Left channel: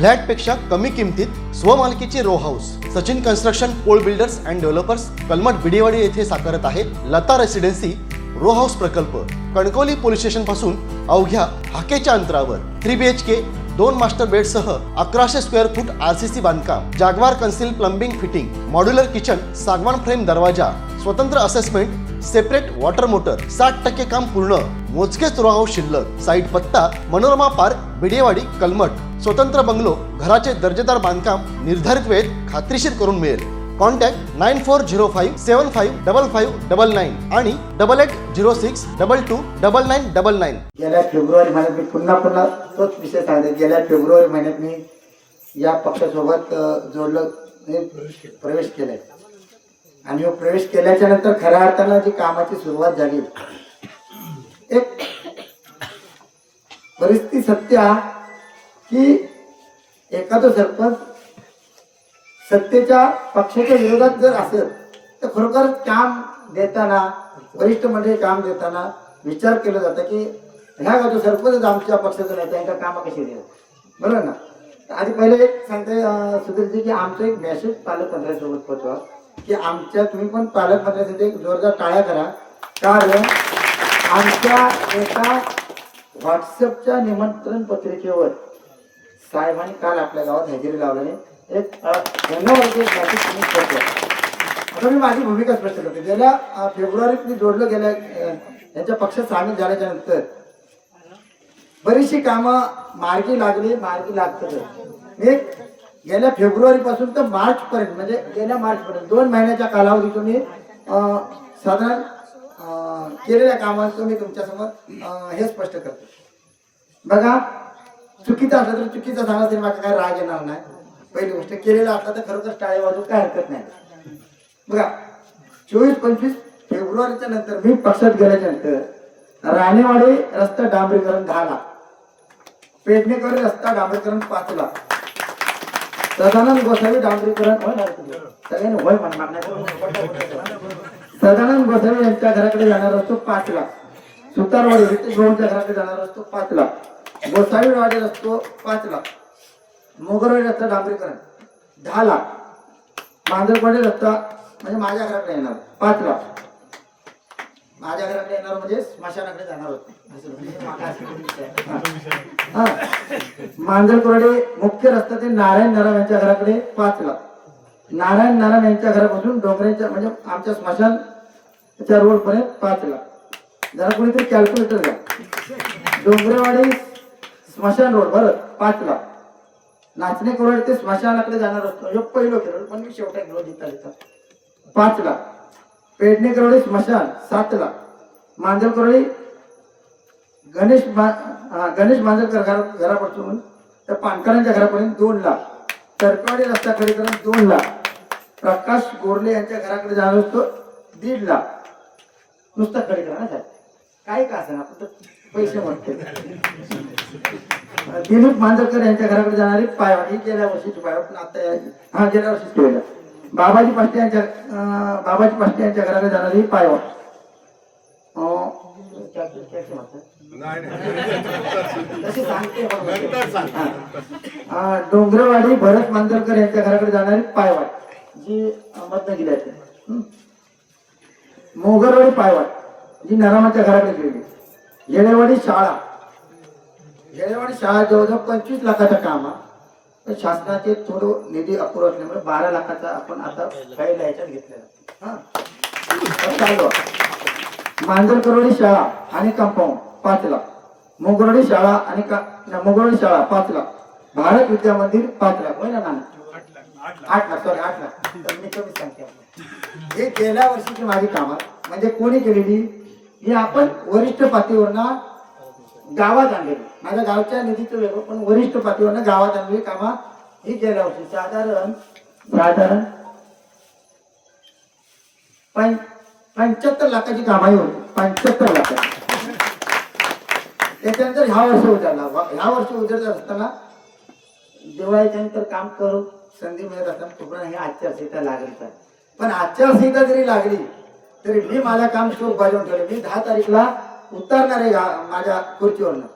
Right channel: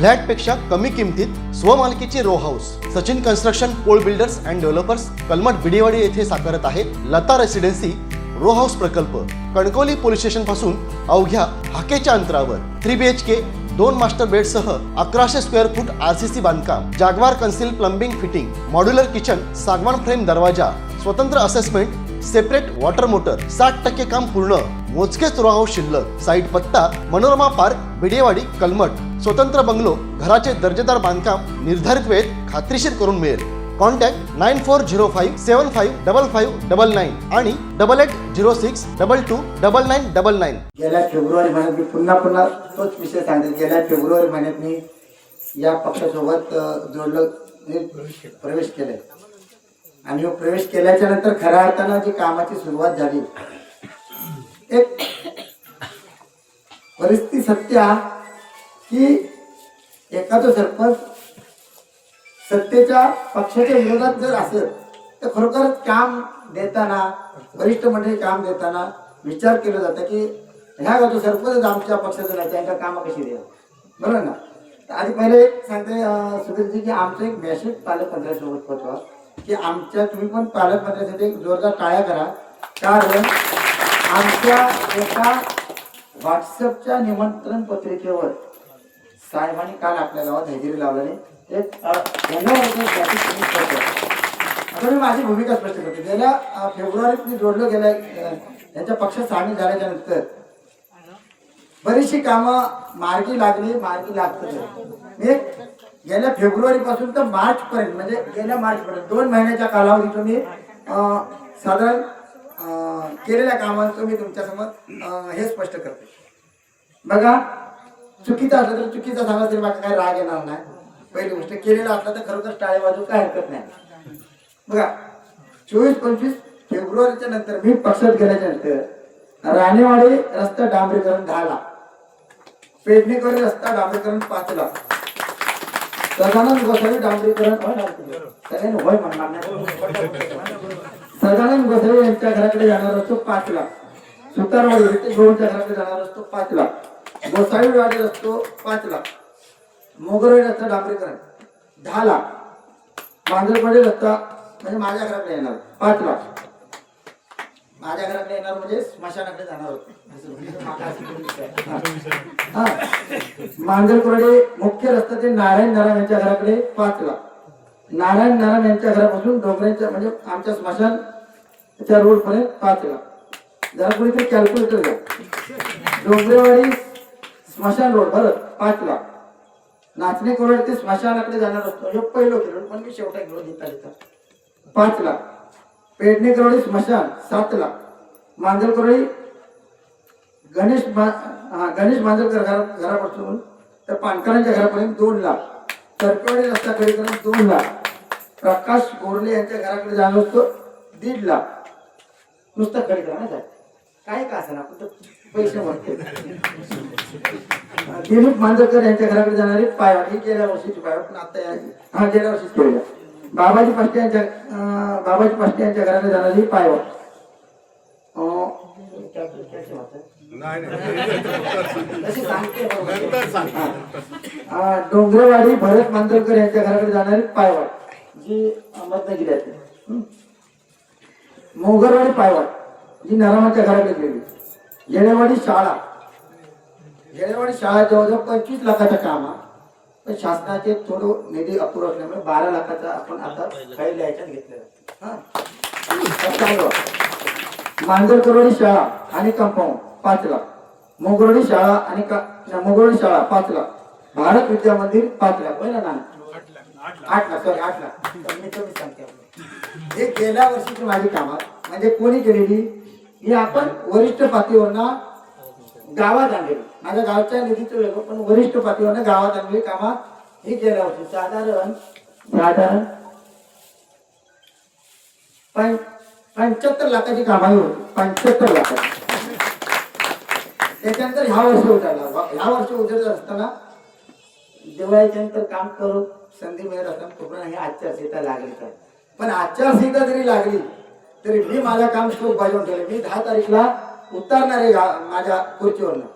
फ्लॅटपेक्षा कमी किमतीत स्वमालकीचे row house Sachin construction Pol builders and developers Kalamat Bidewadi येथे साकारत आहे लता रेसिडेन्सी रो हाऊस प्रकल्प. कणकवली पोलीस स्टेशनपासून अवघ्या हाकेच्या अंतरावर. थ्री बी एच के दोन मास्टर बेडसह अकराशे square foot R C C बांधकाम जागवार concealed plumbing fitting modular kitchen सागवान फ्रेम दरवाजा स्वतंत्र असेसमेंट सेपरेट वॉटर मोटर साठ टक्के काम पूर्ण मोजकेच रो शिल्लक साईट पत्ता मनोरमा पार्क बिडेवाडी कलमट स्वतंत्र बंगलो घराचे दर्जेदार बांधकाम निर्धारित वेळेत खात्रीशीर करून मिळेल. Contact nine four zero five seven five double five double nine आणि double eight zero six double two double nine double nine. गेल्या फेब्रुवारी महिन्यात मी पुन्हा पुन्हा तोच विषय सांगते गेल्या फेब्रुवारी महिन्यात मी या पक्षासोबत जोडलं म्हणजे प्रवेश केलाय. आणि हो प्रवेश केल्याच्यानंतर खऱ्या अर्थानं जी कामाची सुरुवात झाली एक परिस्थिती सत्य की एखादं सरपंच सत्तेच्या पक्षाच्या विरोधात जर असेल तर खरोखर काम देताना वरिष्ठ मंडळी काम देताना विचार केला जातो की ह्या गातो सरपंच आमच्या पक्षाचं नाही त्यांच्या कामं कशी देऊ बरोबर ना? आधी पहिले एक सांगते सुधीरजी की आमचा एक मेसेज पालकमंत्र्यांसोबत पोहोचवा की आमच्या तुम्ही पण पालकमंत्र्यांसाठी एक जोरदार टाळ्या करा. कारण आमच्या एका व्हॉट्सअपच्या निमंत्रण पत्रिकेवर साहेबांनी काल आपल्या गावात हजेरी लावल्याने एक यांना आता मी माझी भूमिका स्पष्ट करते. गेल्या फेब्रुवारीत मी जोडलं गेल्या यांच्या पक्षात सामील झाल्याच्यानंतर. बरीचशी कामं मार्गी लागली मार्गी लागतात. मी गेल्या फेब्रुवारी पासून तर मार्च पर्यंत म्हणजे गेल्या मार्च पर्यंत दोन महिन्याच्या कालावधीतून मी साधारण केलेल्या कामांचं मी तुमच्यासमोर हे स्पष्ट करते. बघा चुकीचा असलं तर चुकीचा झाला तरी माझा काही राग येणार नाही. पहिली गोष्ट केलेला असला तर खरोखर टाळे वाजू काय हरकत नाही. बघा चोवीस पंचवीस फेब्रुवारीच्या नंतर मी पक्षात गेल्याच्यानंतर राणेवाडी रस्ता डांबरीकरण दहा लाख. पेडणेकरी रस्ता डांबरीकरण पाच लाख. सदानंद गोसावी डांबरीकरण सगळ्यांनी होय म्हणणार नाही सदानंद गोसावी यांच्या घराकडे जाणार असतो पाच लाख. सुतारवाडी रितेश भाऊंच्या घराकडे जाणार असतो पाच लाख. गोसावीवाडी असतो पाच लाख. मोगरवाडी रस्ता डांबरीकरण दहा लाख. मांजरपाडी रस्ता म्हणजे माझ्या घराकडे येणार. पाच लाख. माझ्या घराकडे येणार म्हणजे स्मशानाकडे जाणार होते. म्हणजे हा. मुख्य रस्ता ते नारायण नारायण यांच्या घराकडे पाच लाख. नारायण नारायण यांच्या घरापासून डोंगरांच्या म्हणजे आमच्या स्मशान रोड पर्यंत पाच लाख. जरा कोणीतरी कॅल्क्युलेटर घ्या. डोंगरेवाडी स्मशान रोड बरं पाच लाख. नाचणे करोड ते स्मशानाकडे जाणार असतो. हे पहिलं किलोड पण मी शेवटा घेऊन देता देता पाच लाख पेडणे करोडी स्मशान. सात लाख मांजर करोडी गणेश मा- गणेश मांजरकर घरा घरापासून तर पानकरांच्या घरापर्यंत दोन लाख तरकवाडी रस्ता खडीकरण दोन लाख प्रकाश गोरले यांच्या घराकडे जाणार असतो दीड लाख नुसतं खडीकरण ना साहेब. काय का असं आपण तर पैसे म्हणते. दिलीप मांजरकर यांच्या घराकडे जाणारी पायवाट. ही गेल्या वर्षीची पायवाट. पण आता या- हा गेल्या वर्षीच केलेलं बाबाजी पाष्टे यांच्या बाबाजी पाष्टे यांच्या घराकडे जाणारी पायवाट. डोंगरेवाडी भरत मांजरकर यांच्या घराकडे जाणारी पायवाट. जी हं? मोगरवाडी पायवाट. जी नरामाच्या घराकडे गेली येळेवाडी शाळा. येळेवाडी शाळा जवळजवळ पंचवीस लाखाचं काम आहे पण शासनाचे थोडं निधी अपुरा असल्यामुळे बारा लाखाचा आपण आता फाईल याच्यात घेतलेला. हा. तर चालू आहे. शाळा आणि कंपाऊंड पाच लाख. मोगरोडी शाळा आणि का शाळा पाच लाख. भारत विद्या मंदिर पाच लाख. होय ना आठ लाख सॉरी आठ लाख. मी कमी सांगते हे गेल्या वर्षीची माझी कामात म्हणजे कोणी केलेली? ही आपण वरिष्ठ पातळीवरना गावात आणलेली माझ्या गावच्या निधीचं वेगळं पण वरिष्ठ पातळीवर गावात आणलेली कामं ही केल्या होती साधारण साधारण पं पंच्याहत्तर लाखाची कामाई होती. पंच्याहत्तर लाखाची त्याच्यानंतर ह्या वर्षी उतरला. ह्या वर्षी उतरत असताना दिवाळीच्या नंतर काम करू संधी मिळत असताना तोपर्यंत ही आचारसंहिता लागलीच आहे पण आचारसंहिता जरी लागली तरी मी माझं काम सुरू बजावून ठेवले. मी दहा तारीखला उतरणार आहे माझ्या खुर्चीवरनं.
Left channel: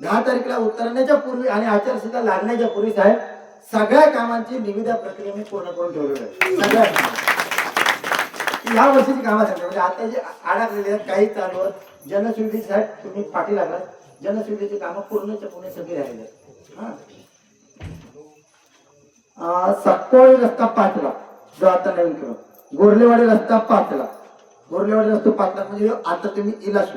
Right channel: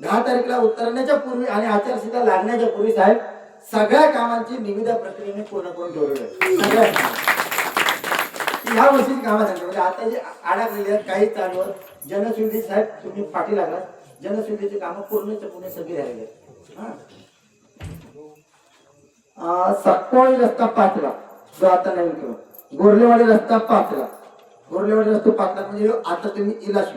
दहा तारीखला उतरण्याच्या पूर्वी आणि आचारसंहिता लागण्याच्या पूर्वी साहेब सगळ्या कामांची निविदा प्रक्रिया मी पूर्ण करून ठेवलेली आहे. सगळ्या या वर्षीची कामं सांगते म्हणजे आता जे अडकलेले आहेत काही चालू आहेत. जनसुविधेचे साहेब तुम्ही पाठी लागला जनसुविधेची कामं पूर्णच्या पूर्ण सगळी राहिली आहेत. हा रस्ता पाचला. जो आता नवीन केला. गोरलेवाडी रस्ता पाचला. गोरलेवाडी रस्ता पाचला म्हणजे आता तुम्ही इलाज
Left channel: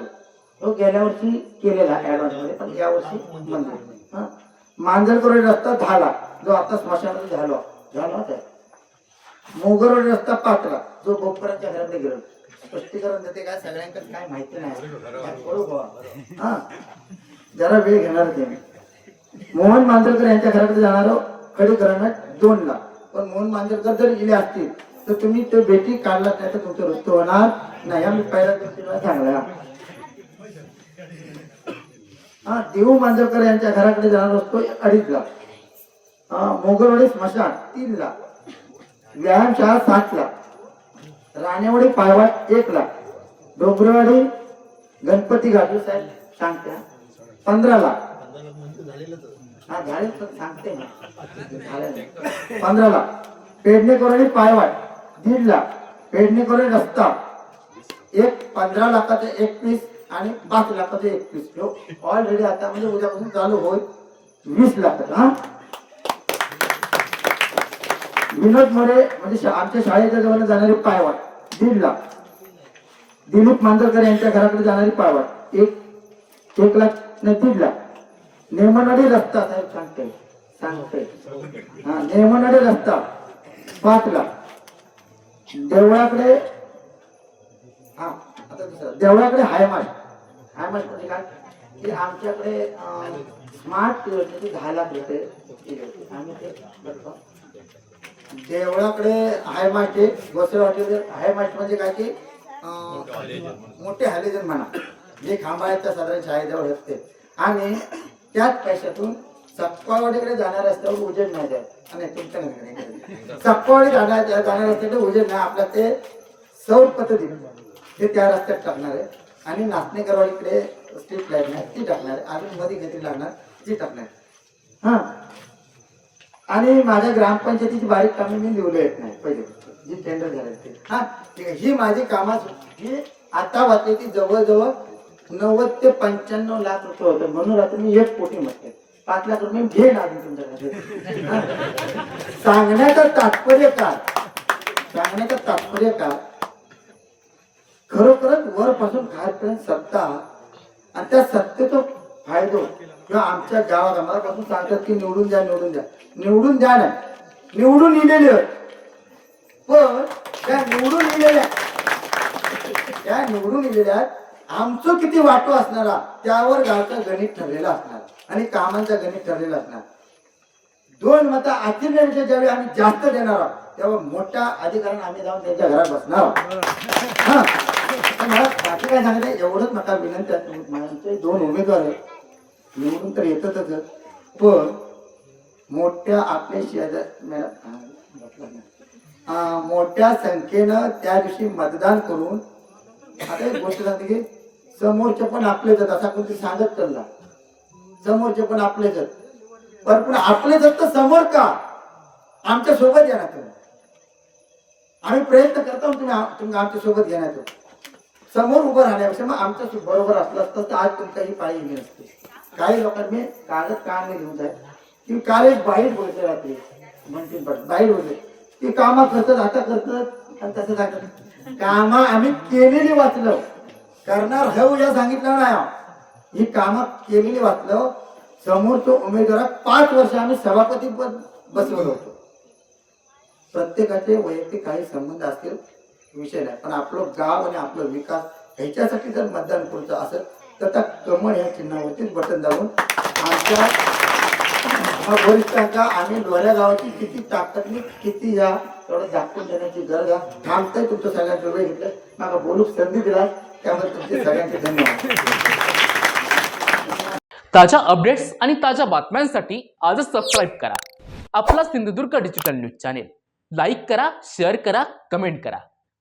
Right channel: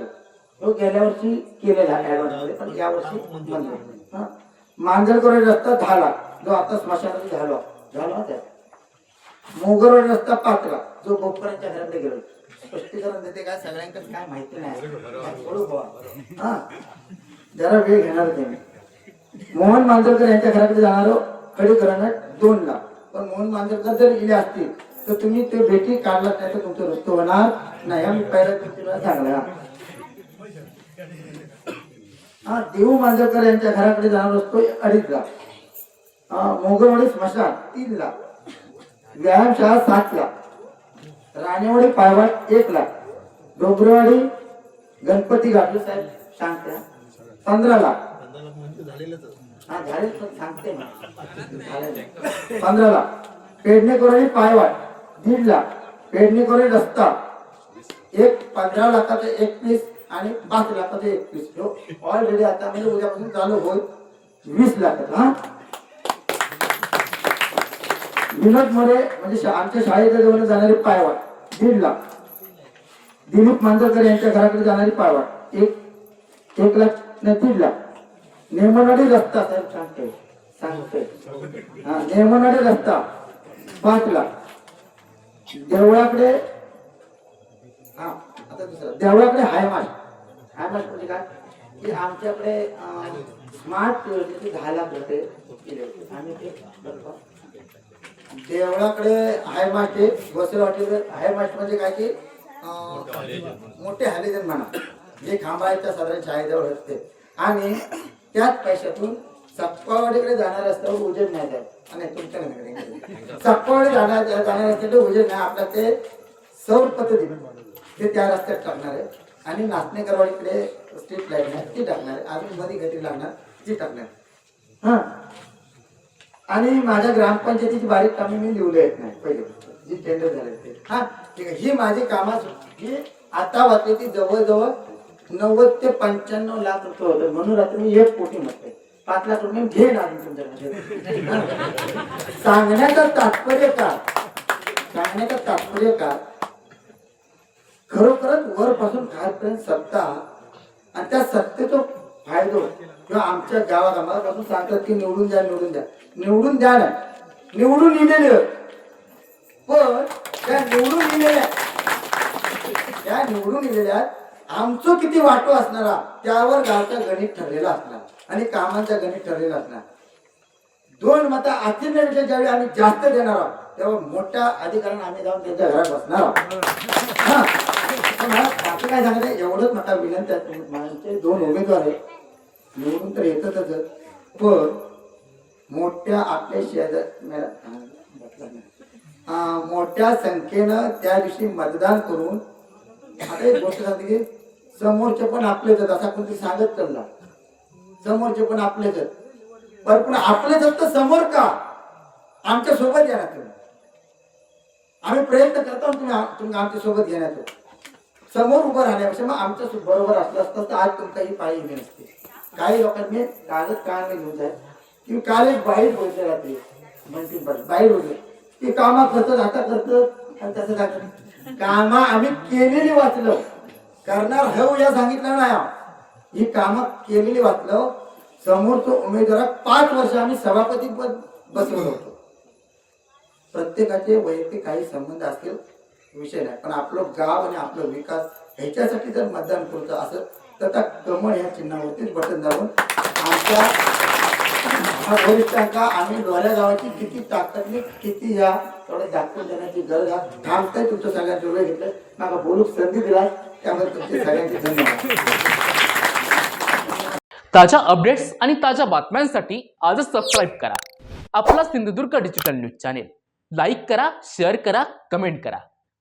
तो गेल्या वर्षी केलेला ऍडव्हान्समध्ये पण या वर्षी बंद रस्ता दहा रस्ता जो आता स्मशानात झालो. झाला त्या मोगरवाडी रस्ता पाचला. जो बोपकरांच्या घरामध्ये गेलो स्पष्टीकरण देते काय सगळ्यांकडे काय माहिती नाही. हा? जरा वेळ घेणार ते मी. मोहन मांजरकर यांच्या घराकडे जाणार खडीकरण दोन लाख पण मोहन मांजरकर जर गेले असतील तर तुम्ही ते भेटी काढलात नाही तर तुमचं रस्त होणार नाही. हा मी पहिल्या दिवशी सांगला हा देऊ मांजरकर यांच्या घराकडे जाणार असतो अडीच लाख. हा, मोगलवाडी स्मशान तीन लाख. व्यायामशाळा सात लाख. राणेवाडी पायवाट एक लाख. डोंगरवाडी गणपती गाठू साहेब सांगते पंधरा लाख. हा झाले पण सांगते ना लाख. पंधराला पेडणेकरोडी पायवाट दीड लाख. पेडणेकरोडी रस्ता. एक पंधरा लाखाचे एकवीस. आणि पाच लाखाचे एकवीस ऑलरेडी आता म्हणजे उद्यापासून चालू होईल. वीस लाखाचा हा. विनोद मोरे म्हणजे आमच्या शाळेच्या जवळ जाणारी पायवाट दीड लाख. दिलीप मांजरकर यांच्या घराकडे जाणारी पायवाट एक एक लाख नाही दीड लाख. नेमनवाडी रस्ता साहेब सांगते सांगते. हा नेमनाडे रस्ता पाच लाख. देवळाकडे हा आता दुसरं. देवळाकडे हायमाट हायमाट म्हणजे काय? की आमच्याकडे स्मार्ट तिथे दहा लाख रुपये आम्ही ते देवळाकडे हायमाट आहे. गोसेवाटीकडे हायमाट म्हणजे काय की मोठे हॅलिजन म्हणा. जे खांब आहेत त्या साधारण शाळेजवळ असते. आणि त्याच पैशातून सप्पावाडीकडे जाणार रस्त्यावर उजेड नाही द्यायचं आणि तुमच्या नाही सप्पावाडी जाणार जाणार रस्त्याकडे उजेड नाही. आपल्या ते सौर पद्धती. ते त्या रस्त्यात टाकणार आहे. आणि नाचणेकरवाडीकडे स्ट्रीट लाइट नाही ती टाकणार आहे. अजून मध्ये गती लागणार ती टाकणार हां. आणि माझ्या ग्रामपंचायतीची बारीक कामे मी लिहून येत नाही पहिले. जी टेंडर झाले ते. हां. ठीक आहे. ही माझी कामाच ही आता वाटली ती जवळजवळ नव्वद ते पंच्याण्णव लाख रुपये होतं म्हणून आता मी एक कोटी म्हणते पाच लाख रुपये मी घेईन अजून तुमच्याकडे. सांगण्याचा सांगण्याचं तात्पर्य काय? सांगण्याचं तात्पर्य काय? खरोखरच वरपासून खालपर्यंत सत्ता आणि त्या सत्तेचा फायदो किंवा आमच्या गावात आम्हाला पासून सांगतात की निवडून द्या निवडून द्या. निवडून द्या नाही निवडून दिलेले पण त्या निवडून लिहिलेल्या त्या निवडून दिलेल्या आमचं किती वाटो असणारा त्यावर गावचा गणित ठरलेला असणार. आणि कामांचा गणित ठरलेला असणार. दोन मतं आश्चर्यापेक्षा ज्यावेळी आम्ही जास्त देणार आहोत तेव्हा मोठ्या अधिकाऱ्यांना आम्ही जाऊन त्यांच्या घरात बसणार आहोत. हा. काय सांगत आहे एवढंच मला विनंती आहे माझे दोन उमेदवार आहेत. निवडून तर येतच पण मोठ्या आपल्या शेजार मोठ्या संख्येनं त्या दिवशी मतदान करून आता एक गोष्ट सांगते की समोरचे पण आपलेच आहेत असा कोणतरी सांगत चालला. समोरचे पण आपलेच आहेत. पण पण आपलेच आहेत तर समोर का? आमच्यासोबत या ना तुम्ही. आम्ही प्रयत्न करतो तुम्ही तुम्ही आमच्यासोबत घेण्याचं समोर उभं राहण्यापेक्षा मग आमच्या बरोबर असलं असतं तर आज तुमचाही पाळी येणे नसते. काही लोकांनी मी कागद काढणे घेऊन जाय की काल एक बाहेर बोलते रात्री म्हणते बाहेर बोलले की कामा करतात आता करतात आणि तसं सांगत कामा आम्ही केलेली वाचलो. करणार हव या सांगितलं नाही ही कामं केलेली वाचलं. समोरचा उमेदवार पाच वर्ष आम्ही सभापती पद बसवलं होतो. प्रत्येकाचे वैयक्तिक काही संबंध असतील विषय नाही. पण आपलं गाव आणि आपलं विकास ह्याच्यासाठी जर मतदान करायचं असेल तर त्या कमळ ह्या चिन्हावरतीच बटन दाबून आमच्या वरिष्ठांका आम्ही लोऱ्या गावाची किती ताकदनी किती या तेवढं दाखवून देण्याची गरज आहे. थांबतंय तुमचं सगळ्यांचं वेळ घेतलं. मला बोलूक संधी दिला त्यामुळे तुमचे सगळ्यांचे धन्यवाद. ताज्या अपडेट्स आणि ताज्या बातम्यांसाठी आजच सबस्क्राईब करा. आपला Sindhudurg digital news channel like करा शेअर करा कमेंट करा.